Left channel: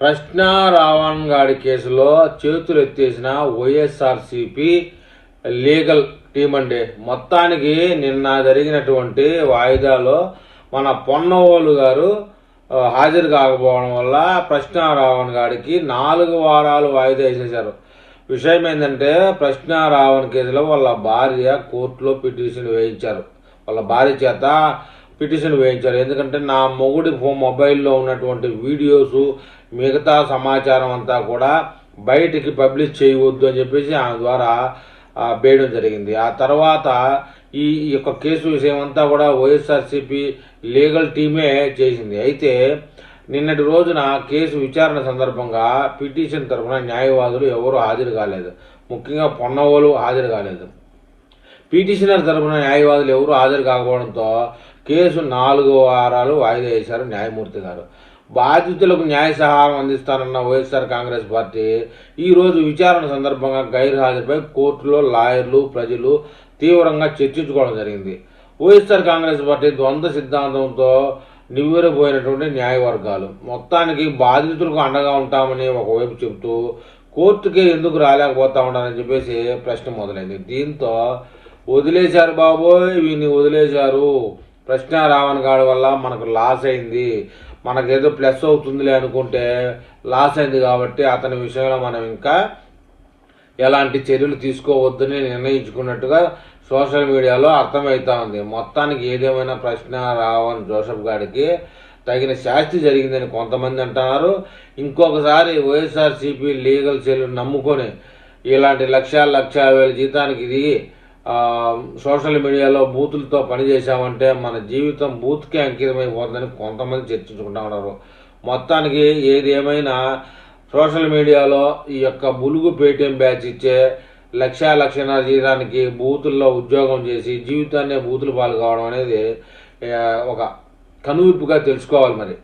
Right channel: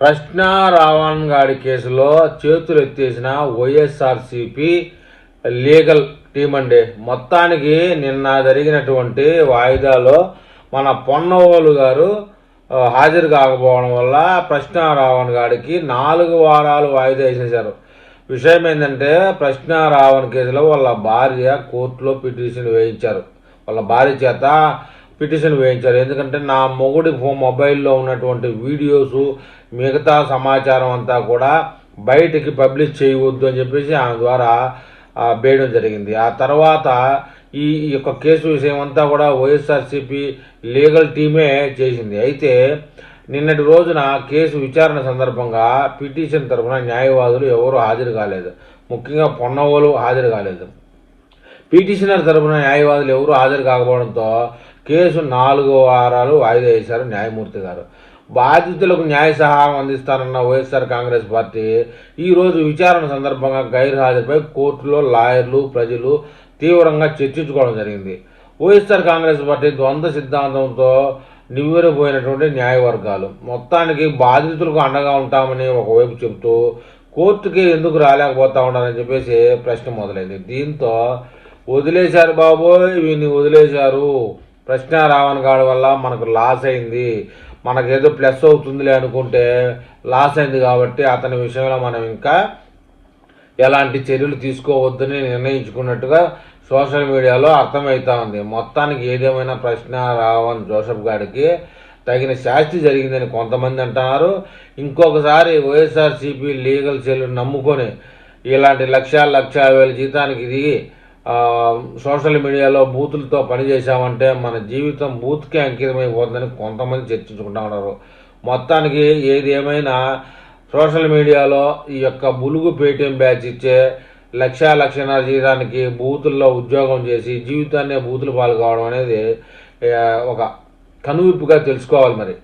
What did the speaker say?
ప్రశ్న రావణ్ గాడి కేసులో చేతులు ఎత్తేసిన వైఎస్ఆర్సీపీ లీగల్ టీం అండి. మొత్తానికి నిన్న జరిగినటువంటి వాయిదాలో మన పొన్నవోలు గారు హాజరు కాకపోవడం వల్ల ప్రశ్న రావణ్ గాడికి 4 వారాలు వాయిదా వేసేశారు. విషయం ఏంటంటే, ప్రశ్న రావణ్ కేసులో వాళ్ళ భార్య కోర్టులో పిటిషన్ వేయించారు. వాళ్ళ భార్య చేత పిటిషన్ వేయించారు. ఎందుకంటే నా మొగుడి మొబైల్లో ఉన్నటువంటి వీడియోసు మిగతా సమాచారం అంతా కూడా బయటికి పబ్లిష్ చేయవద్దు అని చెప్పేసి ఆమె ద్వారా వేయడం జరిగింది. ఆ తర్వాత ఈ యొక్క కేసు విషయం అంతా కూడా వైఎస్ఆర్సీపీ లీగల్ టీమే చేసింది. అయితే నిన్నటి రోజున కేసు విచారణ సందర్భంగా పిటిషన్ తరఫున న్యాయవాదులు ఎవరు హాజరు కాలేదు. ముఖ్యంగా పొన్నవోలు హాజరు కాలేదు. పిటిషనర్ తరఫున న్యాయవాదులు ఎవరు హాజరు కాకపోవడంతో కేసు 4 వారాలు వాయిదా వేశారు న్యాయమూర్తి గారు. బాధితులకు న్యాయ సహాయం అందిస్తారన్న వైఎస్ఆర్ కాంగ్రెస్ పార్టీ ఈరోజు విచారణ సందర్భంగా గైర్హాజరుపై కోర్టులో లాయర్లు, ప్రజలు తీవ్రంగా చర్చించుకోవడం జరిగింది. వైఎస్ఆర్ కాంగ్రెస్ పార్టీ ద్వంద్వ సిద్ధాంతంతో నివ్వెరపోయినటువంటి న్యాయవర్గాలు మొత్తానికి బాధితులకు అండగా ఉంటామని ఒకవైపు చెబుతూ కోర్టుకి ఎందుకు రాలేకపోతా ఉన్నారని చెప్పేసి ప్రశ్న మొదలైంది. దీంతో వదిలేశారు బాబోయ్, వీడిని వదిలేశారు, ప్రశ్న రావణ్ గాడి వల్ల మనకు లాస్ అయింది, మనకేదో ప్లస్ అవుతుందిలే అనుకుంటే లాస్ అయింది కాబట్టి అతని విషయంలో మనం ఇంకా ఎలాంటి చర్యలు తీసుకోవద్దని నిర్ణయించుకున్నట్టుగా సోషల్ మీడియాలో అర్థమవుతా ఉంది. మొత్తానికి ఏదేమైనా ప్రశ్న రావణ్ జోసెఫ్ గారికి తగిన శాస్తి జరిగిందని కొంతమంది అంటున్నారు. ఇంకొకసారి వైఎస్ఆర్సీపీ లీగల్ సెల్ నమ్ముకొని ఇలాంటి లక్షల వేల జీతానికి దిగి సోషల్ మీడియాలో బూతులతో పనిచేసామంటే మన జీవితం బూత్కే అంకితమైపోతుందని కొంతమంది చర్చించుకుంటా ఉన్నారు. మొత్తానికి ఏది ఏమైనా సోషల్ మీడియాలో ఈ యొక్క బులుగు పేటీఎం బ్యాచ్ ఇచ్చే లక్షన్నర జీతానికి బూతుల్లో ఉద్యోగం చేసి జీవితాన్నే బూతులు పాలు కావడం అనేది ఒక కనువిప్పుగా తెలుసుకోవాలి మరి.